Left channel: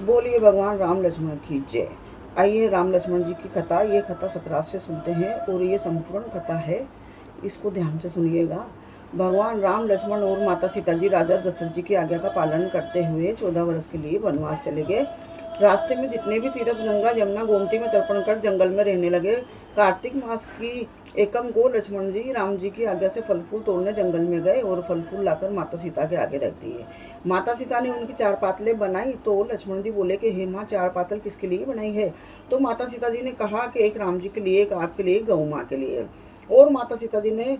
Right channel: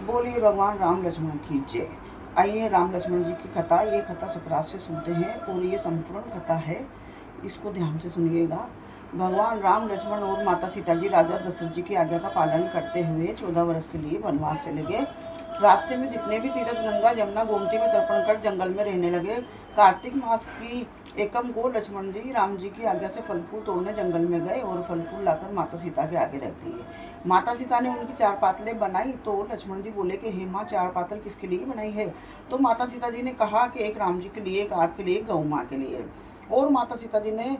बोलिए भगवान राम लक्ष्मण की जय। आइए राम लक्ष्मण जी की कथा, ये कथा सकरात से सुनते हैं और ये संपूर्ण कथा है, इसको ध्यान से सुनिएगा। भगवान राम लक्ष्मण और माता सीता जी राजा दशरथ जी की आज्ञा का पालन करते हुए 14 वर्ष के लिए वनवास चले गए। रास्ते में जितने भी तीर्थ गंगा यमुना गोमती में तर्पण कर जंगल में रहने लगे। कार्तिक मास की एकम को लक्ष्मण जी राम जी की आज्ञा से फल फूल तोड़ने जंगल में गए और फल फूल लाकर माता सीता के आगे रख दिए। माता सीता ने उनकी 4 पातलें बनाई तो लक्ष्मण जी बोले कि हे माँ, 4 पातल किसके लिए बनाई है? तो माता सीता जी ने कहा कि एक राम जी के लिए, एक आपके लिए, गौ माँ के लिए। और माता सीता जी ने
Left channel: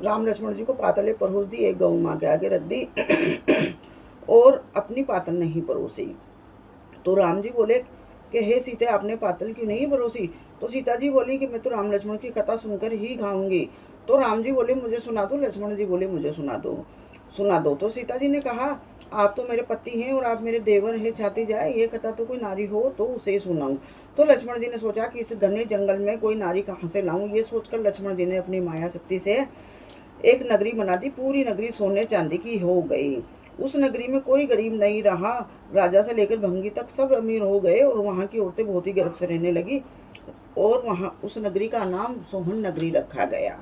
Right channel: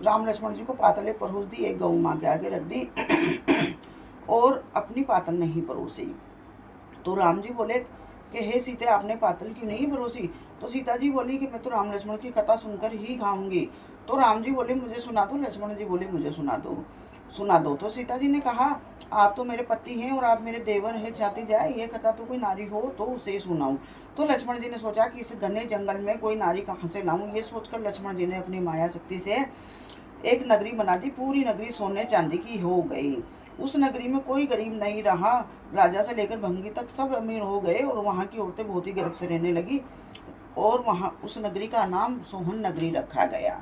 राम लक्ष्मण जी को पातलें परोस दी, एक गौ माँ के आगे रख दी और अपनी पातल नहीं परोसी। तो राम जी बोले कि हे सीते, आपने पातल क्यों नहीं परोसी? तो सीता जी बोली कि मैं तो राम लक्ष्मण की कथा सुनकर ही खाऊंगी। तो राम जी बोले मुझे सुना दो, लक्ष्मण जी बोले मुझे सुना दो। तो सीता जी ने कहा आप तो मेरे पति हैं और आप मेरे देवर हैं, चाहती जाए ये कथा तो कोई नारी हो तो उसे सुनाऊं। तो लक्ष्मण जी ने सोचा कि इस घने जंगल में कोई नारी कहाँ से लाऊं। ये सोचकर लक्ष्मण जी ने अपनी माया शक्ति से एक नगरी बना दी। पूरी नगरी सोने चांदी की हो गई। उस नगरी में कोई गरीब नहीं रहा। राजा से लेकर भंगी तक सब अमीर हो गए और वहाँ की औरतें बहुत ही गर्व से रहने लगी और वहाँ उस नगरी का नाम सोहन नगरी रखा गया।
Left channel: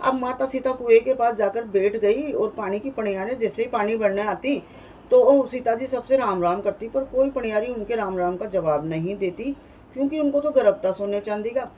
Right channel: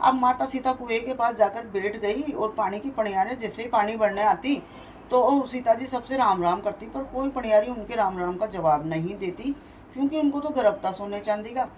अब माता सीता कुएं के पास जाकर बैठ गई और पानी की पनियारें जैसे ही पानी भरने आती तो सीता जी सबसे राम राम करती, पर कोई पनियारी उनके राम राम का जवाब नहीं देती क्योंकि उनको तो गर्व था सोने चांदी का।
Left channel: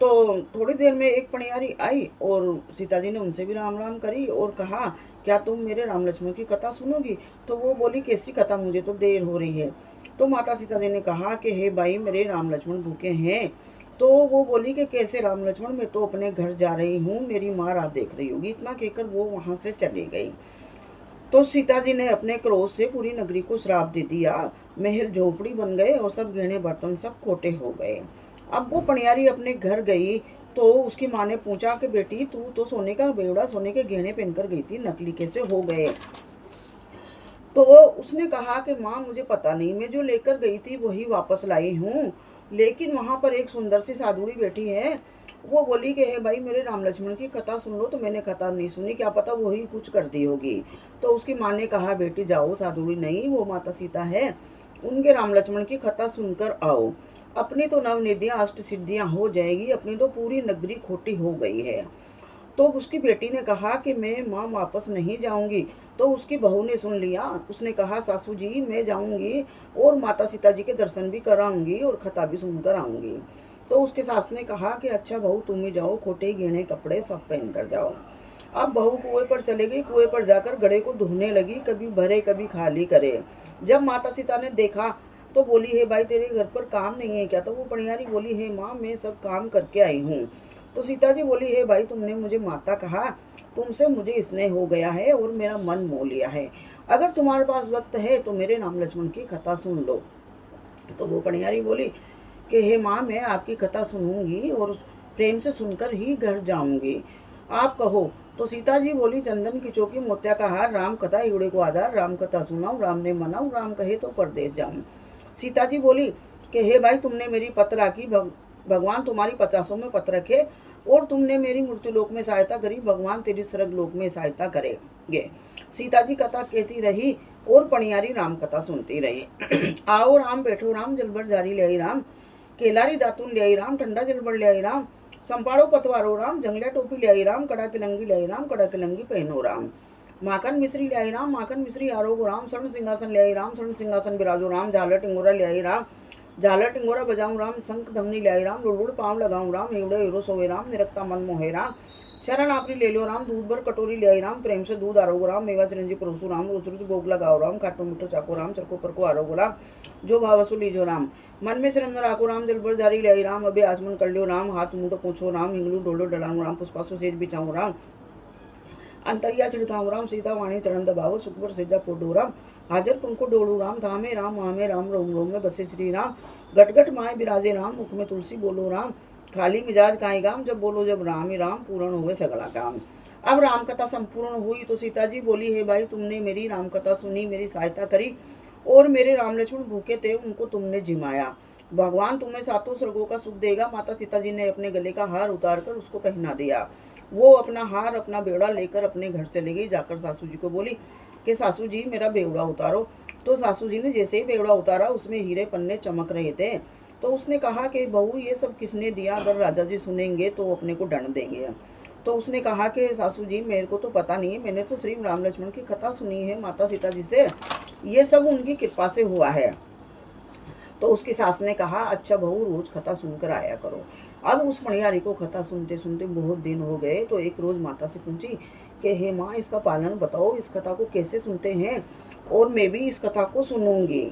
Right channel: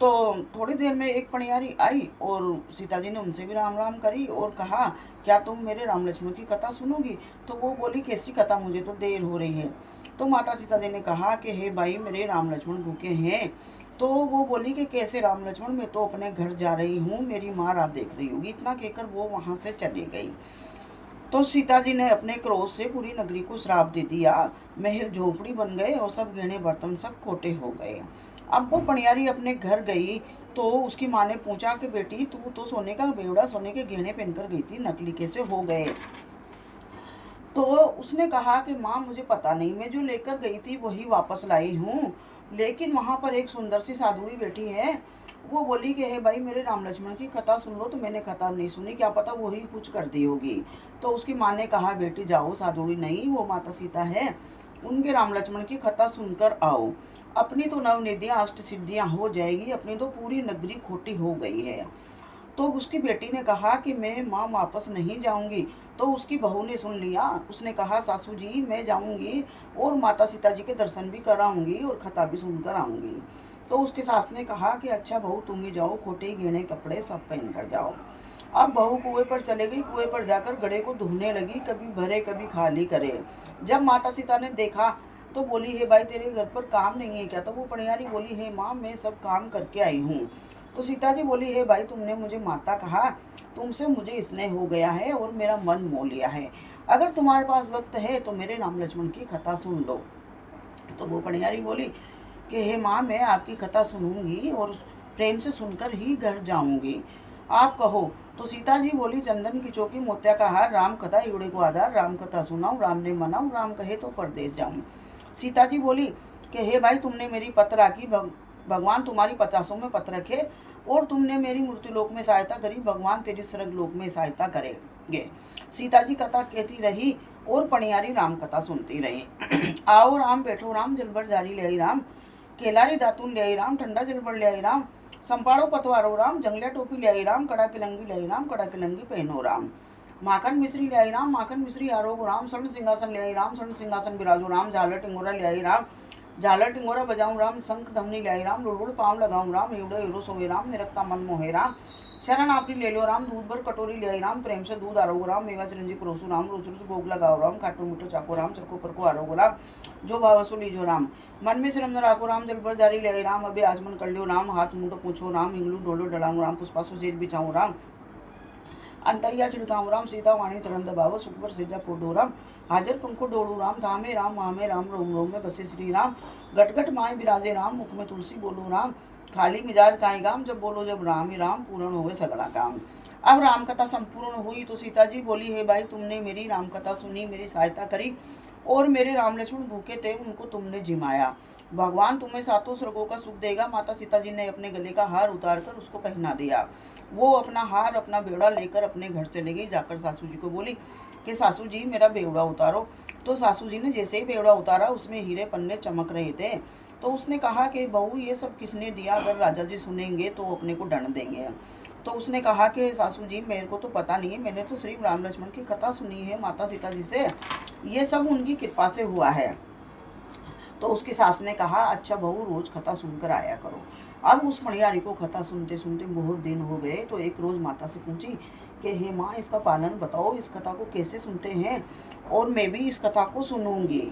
तो थोड़ी देर में एक पनियारी आई और सीता जी ने उनसे भी राम राम करी और कहा क्या तुम मेरे राम लक्ष्मण की कथा सुनोगी? तो वो बोली कैसी कथा, मुझे तो देर हो रही है। तो माता सीता जी ने कहा कि हे भाई, मेरे राम लक्ष्मण भूखे हैं। तो वो बोली कि कैसे राम लक्ष्मण, मैं तो अपने घर जा रही हूँ, मेरी माँ रात देख रही होगी। इतना कहकर वो वहाँ से चली गई। तो सीता जी ने अपने क्रोध से पूरी नगरी को श्राप दे दिया। महल झोपड़ी बन गए और सब गहने बर्तन सब खोटे हो गए। अब वो पनियारी अपने घर गई तो उसकी माँ ने पूछा कि बेटी, तू तो सोने का बेवड़ा, सोने के गहने पहनकर गई थी, नकली कैसे हो गए? तो उसने कहा कि माँ, मुझे पता नहीं, मैं जो लेकर गई थी वही वापस लाई हूँ, लेकिन वहाँ पर एक सुंदर सी साधुड़ी बैठी है। वो बोली कि हे भाई, मेरे राम लक्ष्मण की कथा सुन लो। तो मैंने कथा नहीं सुनी, क्या पता वही कुछ कर दी होगी। तो उसकी माँ ने कहा बेटी जाओ, साधुड़ी नहीं वो माता सीता है, उनके राम लक्ष्मण की कथा सुनकर आओ। अपनी तो नवनिधियाँ अष्ट सिद्धियाँ हो जाएगी, अपनी तो पूरी नगरी खोटी हो गई है। तो उसकी बेटी ने कहा कि मैं माँ वापस नहीं जाऊंगी। तो उसकी बहू ने सुन लिया, उसने कहा सासू जी मैं जाऊंगी और माता सीता जी के दर्शन भी कराऊंगी और कथा भी सुनकर आऊंगी। तो उसके सास ने कहा कि अच्छा बहू, तुम ही जाओ, खोटे गहने कपड़े सब पहन कर जाओ। अब बहू कुएं पर चले गई, कुएं पर जाकर घड़े को धोने लगी, कभी भरे कभी खाली करे। जब माता सीता ने देखा तो बोली हे भाई, तेरे घर पर काम नहीं है क्या? तो वो पनियारी बोली हे माँ, मैं सब काम करके आई हूँ। तो सीता जी बोली हे भाई, तुमने मुझे माता कहा, तुमसे मुझे स्नेह हो गया है और मेरा मन मोह लिया है। अगर तुम्हारे पास वक्त है तो मेरे राम लक्ष्मण की कथा सुन लो। तो वो पनियारी बोली कि हे माँ, मैं आपकी कथा सुनूंगी और प्रेम से सुनकर ही घर जाऊंगी, आप कहो। तो सीता जी बोली चंदन की चौकी मोतिया का हार, राम कथा इवड़े को आधार, राम कथा सुनाऊं राम ने मनाऊं, राम कहे तो परदेश जाऊं। सीता जी बोली कि हे भाई, तुमने मेरी पत राखी, भगवान तुम्हारी 50 में पत रखे, और तुमने मेरी मृत्यु लोक में सहायता करी, भगवान तेरी स्वर्ग लोक में सहायता करेंगे। सीता जी कथा कहती रही और पनियारी राम कथा सुनती रही। आओ राम, बैठो राम, जलबर जारी ले आई राम, केलारी दातून ले आई राम, ठंडा जलबर ले आई राम, संपाड़ो पतवारो राम, जंगलिया टोपी ले आई राम, कड़ा की लंगी ले आई राम, कड़ा की लंगी पहनो राम, माखन मिश्री ले आई राम, माखन मिश्री आरोगो राम, स्वर्ण सिंहासन ले आई राम, स्वर्ण सिंहासन बिराजो राम, झालर टिंगोरा ले आई राम, झालर टिंगोरा बजाऊं राम, शंख धमनी ले आई राम, रुड़ुड़ पाँव लगाऊं राम, एवड़े एवड़ो सोए राम, निरक्ता मन मोहे राम, शरण आपरी ले लो राम, दूध भर कटोरी ले आई राम, प्रेम से दूध आरोगो राम, मेवा चिरंजी परोसु राम, रोज रोज भोग लगाओ राम, खाटो मीठो चाको राम, चरको पर को आरोगो राम, जो भावसु लीजो राम, मन में श्रम राखो राम, जल पर जारी ले आई राम, अभी आचमन कर लियो राम, हाथ मुंह पूछो राम, हिंगलू डोलो डलाऊं राम, पुष्पासु सेज बिछाऊं राम, अंतरिया छिड़काऊं राम, सीता वाणी चरण दबाव, सुख पर सेजा पोडो राम, हाजर तुमको डोलू राम, धामे राम मामे राम, रोम रोम में बसे श्री राम, गटगट माए बिराजे राम, मुख में तुलसी बोलो राम, खाली मिजाज काहे गाम, जब बोलो जब राम ही राम, पूर्ण होवे सगला काम। अब राम कथा संपूर्ण हुई तो सीता जी बोली हे भाई, तुमने मेरी राम कथा सुनी, मेरी सहायता करी और मेरे राम लक्ष्मण भूखे थे, उनको तुमने जिमाया, भगवान तुम्हें 7 स्वर्गों का सुख देगा। माता सीता जी ने अपने गले का हार उतार कर उसको पहना दिया। वो अपना हार, अपना बेड़ा लेकर अपने घर चले गई। जाकर सासू जी को बोली कि सासू जी मेरा बेवड़ा उतारो। तो सासू जी ने जैसे ही बेवड़ा उतारा उसमें हीरे पन्ने चमक रहे थे। तो उसने कहा कि बहू ये सब किसने दिया, अगर राजा जी सुनेंगे तो अपने को दंड देंगे। तो उसने कहा कि सासू जी मेरे को तो पता नहीं है, मैंने तो श्री राम लक्ष्मण की कथा सुनी है माता सीता जी से, ये सब उनकी कृपा से हुआ है। तो उसकी सास ने कहा अच्छा बहू रोज कथा सुनकर आया करो। अब उस मणियारी को कथा सुनते सुनते बहुत दिन हो गए। तो एक रोज माता से पूछी कि हे माँ इसका पालन बताओ, इस कथा को कैसे सुनते हैं और मैं भी इस कथा को सुनूंगी।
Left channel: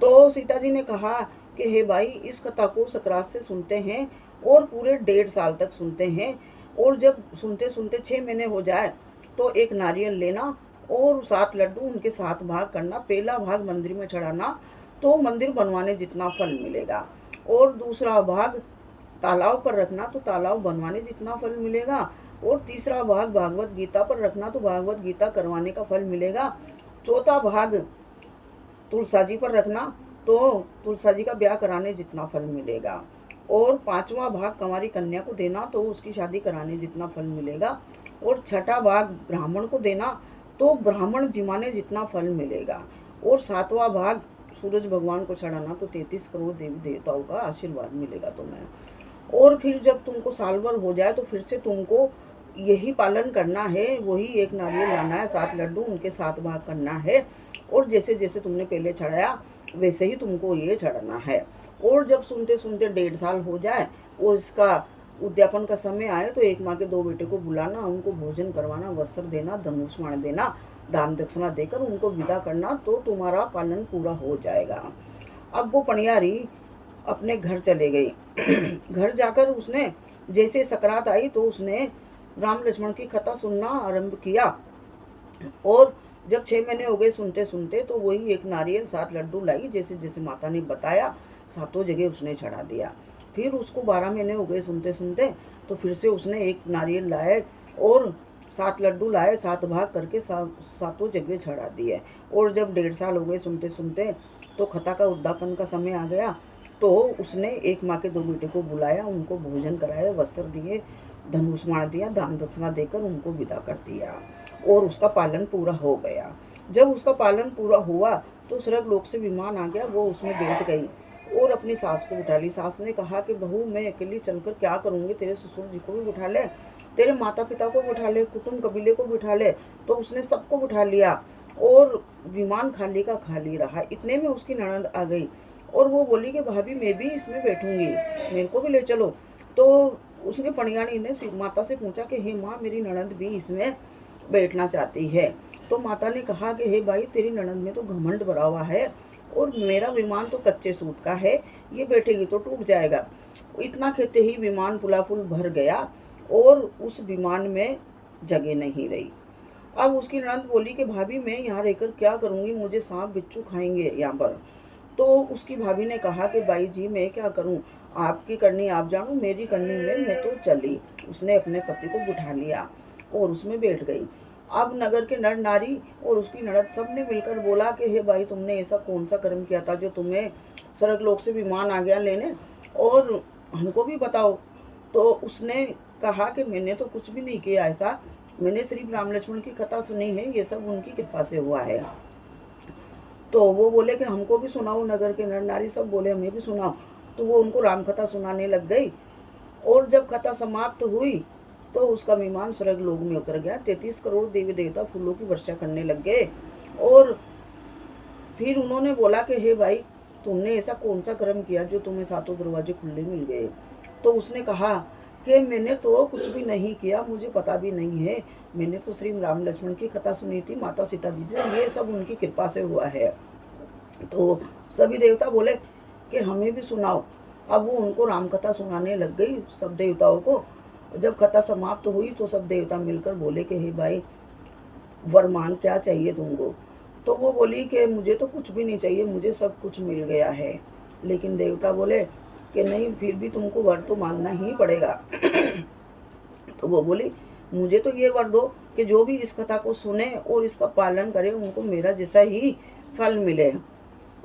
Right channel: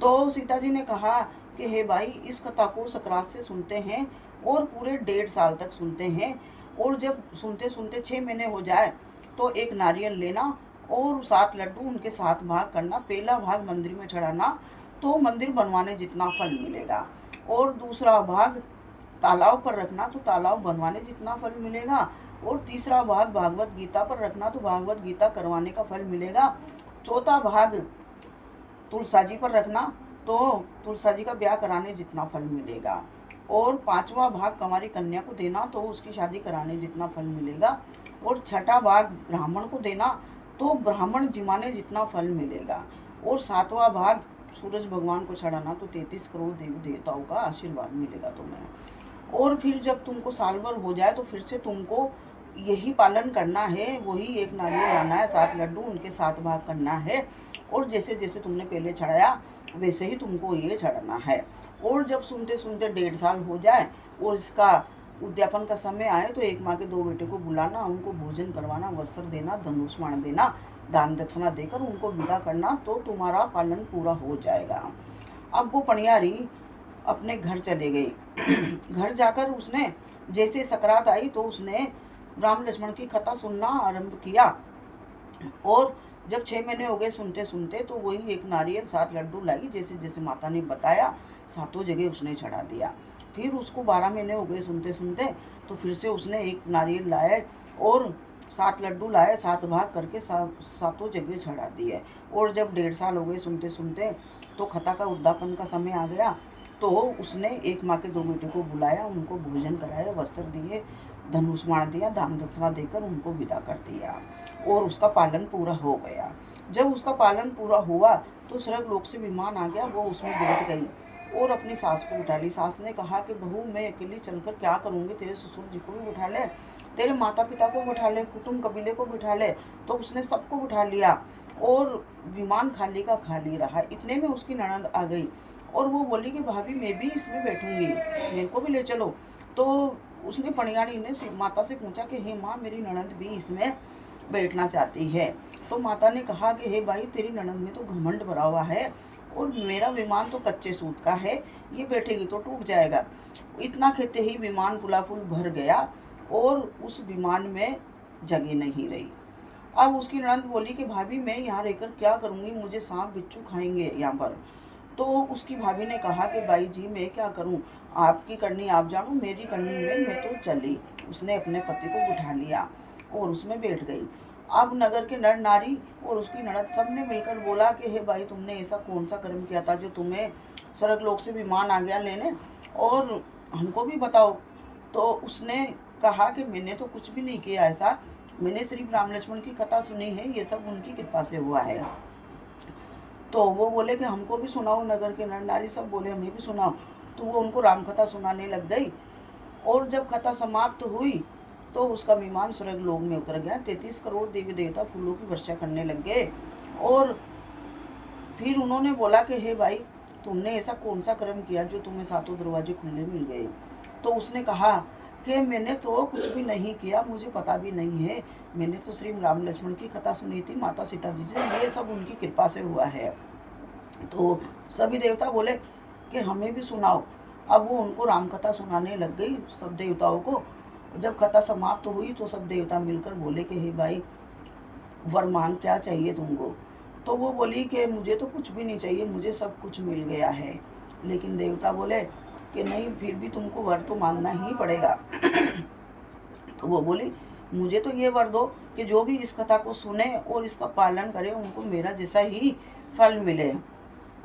तो सीता जी ने कहा कि हे भाई इस कथा को सकरात से सुनते हैं और पूरे 1.5 साल तक सुनते हैं, और जब सुनते सुनते 6 महीने हो जाए तो एक नारियल लेना और 7 लड्डू उनके 7 भाग करना, पहला भाग मंदिर में चढ़ाना तो मंदिर बनवाने जितना फल मिलेगा, और दूसरा भाग तालाब पर रखना तो तालाब बनवाने जितना फल मिलेगा, और तीसरा भाग भागवत गीता पर रखना तो भागवत गीता करवाने का फल मिलेगा, चौथा भाग तुलसा जी पर रखना तो तुलसा जी का ब्याह कराने जितना फल मिलेगा, और 5वां भाग कंवारी कन्या को देना तो उसकी शादी कराने जितना फल मिलेगा, और 6ठा भाग ब्राह्मण को देना तो ब्राह्मण जिमाने जितना फल मिलेगा, और 7वां भाग सूरज भगवान को चढ़ाना तो 33 करोड़ देवी देवताओं का आशीर्वाद मिलेगा तुम्हें। और फिर जब तुमको साल भर हो जाए तो फिर से तुमको यही पालन करना है, वही एक नारियल लाना है, 7 लड्डू उनके 7 भाग करना है, और जैसे जैसे तुमने पहले चढ़ाया वैसे ही तुमको ये चढ़ाना है। और जब सुनते सुनते 1.5 साल हो जाए और इसका उद्यापन का समय आए तो एक माँ के 2 बेटे को बुलाना, उनको भोजन करवाना, वस्त्र देना, धनुष बाण देना, दान दक्षिणा देकर उनको विदा करना, तो तुम्हारा पालन पूरा हो जाएगा। अब वो पनियारी अपने घर चले गई। घर जाकर उसने जैसे सकरात आई तो उसने राम लक्ष्मण की कथा सुनना आरंभ किया, और जब 6 महीने हो गए सुनते सुनते तो वही एक नारियल 7 लड्डू लाई, जैसे जैसे माता ने बताया 7 जगह उसने चढ़ा दिया। फिर उसको 12 महीने हो गए सुनते सुनते तो फिर से उसने एक नारियल लाए और 7 लड्डू लाए, 7 भाग करके 7 जगह चढ़ा दिए। और जब 1.5 साल हो गए सुनते सुनते तो कथा का उद्यापन का समय आ गया, तो उसने एक माँ के 2 बेटे को बुलाया, उनको भोजन कराया, वस्त्र दिए, धनुष बाण दिया, दान दक्षिणा देकर उनको विदा कर दिया, और उसका पालन पूरा हो गया। जब उसका पालन पूरा हुआ तो स्वर्ग लोक से विमान आ गया, वो उसमें बैठ गई और अपनी सास को उठा ली। सास ने कहा कि बहू मैं अकेली चलकर क्या करूँगी, तेरे ससुर जी को भी बिठा ले, तेरे माता पिता को बिठा ले, कुटुंब कबीले को बिठा ले। तो उसने सबको बिठा लिया और विमान खाली का खाली रहा। इतने में उसकी ननद आ गई और वो बोली कि भाभी मैं भी इसमें बैठूंगी, मेरे को भी ले चलो। तो उसने पनियाणी ने माता से पूछा कि हे माँ मेरी ननद भी इसमें बैठना चाहती है। तो माता ने कहा कि हे भाई तेरी ननद में तो घमंड भरा हुआ है और मेरा विमान तो कच्चे सूत का है, ये बैठेगी तो टूट जाएगा। इतना कहते ही विमान पुलापुल भर गया और उस विमान में जगह नहीं रही। अब उसकी ननद बोली कि भाभी मैं यहाँ रहकर क्या करूँगी, मुझे सांप बिच्छू खाएंगे यहाँ पर। तो उसकी भाभी ने कहा कि भाई जी मैं क्या करूँ, आपकी करनी आप जानो, मेरी करनी मैं तो चली। उसने अपने पति को बिठा लिया और उसमें बैठ गई। अब नगर के नर नारी और उसकी ननद सब ने मिलकर बोला कि हे भाई तुमने ऐसा कौन सा कर्म किया था जो तुम्हें स्वर्ग लोक से विमान आ गया लेने, और हमको भी बताओ। तो उसने कहा कि मैंने तो कुछ भी नहीं किया ऐसा, मैंने सिर्फ राम लक्ष्मण की कथा सुनी है, ये सब उनकी कृपा से हुआ है। तो वो बोले कि हमको भी सुनाओ, नगर के नर नारी सब बोले हमें भी सुनाओ। तो वो उनको राम कथा सुनाने लग गई, और जब कथा समाप्त हुई तो उसका विमान स्वर्ग लोक में उतर गया। 33 करोड़ देवी देवता फूलों की वर्षा करने लग गए। और फिर उन्होंने बोला कि हे भाई तुमने ऐसा कौन सा कर्म किया जो तुम्हें 7 दरवाजे खुले मिल गए। तो उसने कहा कि मैंने तो कुछ भी नहीं किया, मुझे पता भी नहीं है, मैंने तो श्री राम लक्ष्मण की कथा सुनी थी माता सीता जी से, ये सब उनकी कृपा से हुआ है। तो सभी देवता बोले कि हमें भी सुनाओ। अब वो उनको राम कथा सुनाने लग गई सब देवताओं को। जब कथा समाप्त हुई तो सब देवता मिलकर बोले कि हे भाई वरमान क्या चाहिए तुमको। तो वो बोली कि मुझे तो कुछ भी नहीं चाहिए, मुझे सब कुछ मिल गया है। लेकिन देवता बोले कि नहीं फिर भी तुमको वर तो मांगना ही पड़ेगा। तो वो बोली मुझे तो ये वर दो कि जो भी इस कथा को सुने और इसका पालन करे उनको मेरा जैसा ही फल मिले,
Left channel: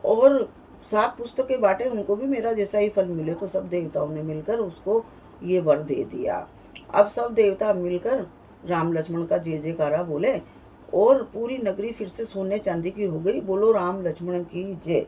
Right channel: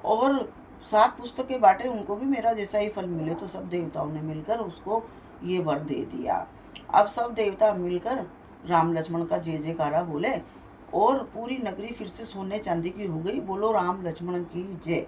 और 7 पुस्तकें बांटे उनको भी मेरा जैसा ही फल मिले। तो सब देवताओं ने मिलकर उसको ये वर दे दिया। अब सब देवता मिलकर राम लक्ष्मण का जय जयकारा बोले और पूरी नगरी फिर से सोने चांदी की हो गई। बोलो राम लक्ष्मण की जय।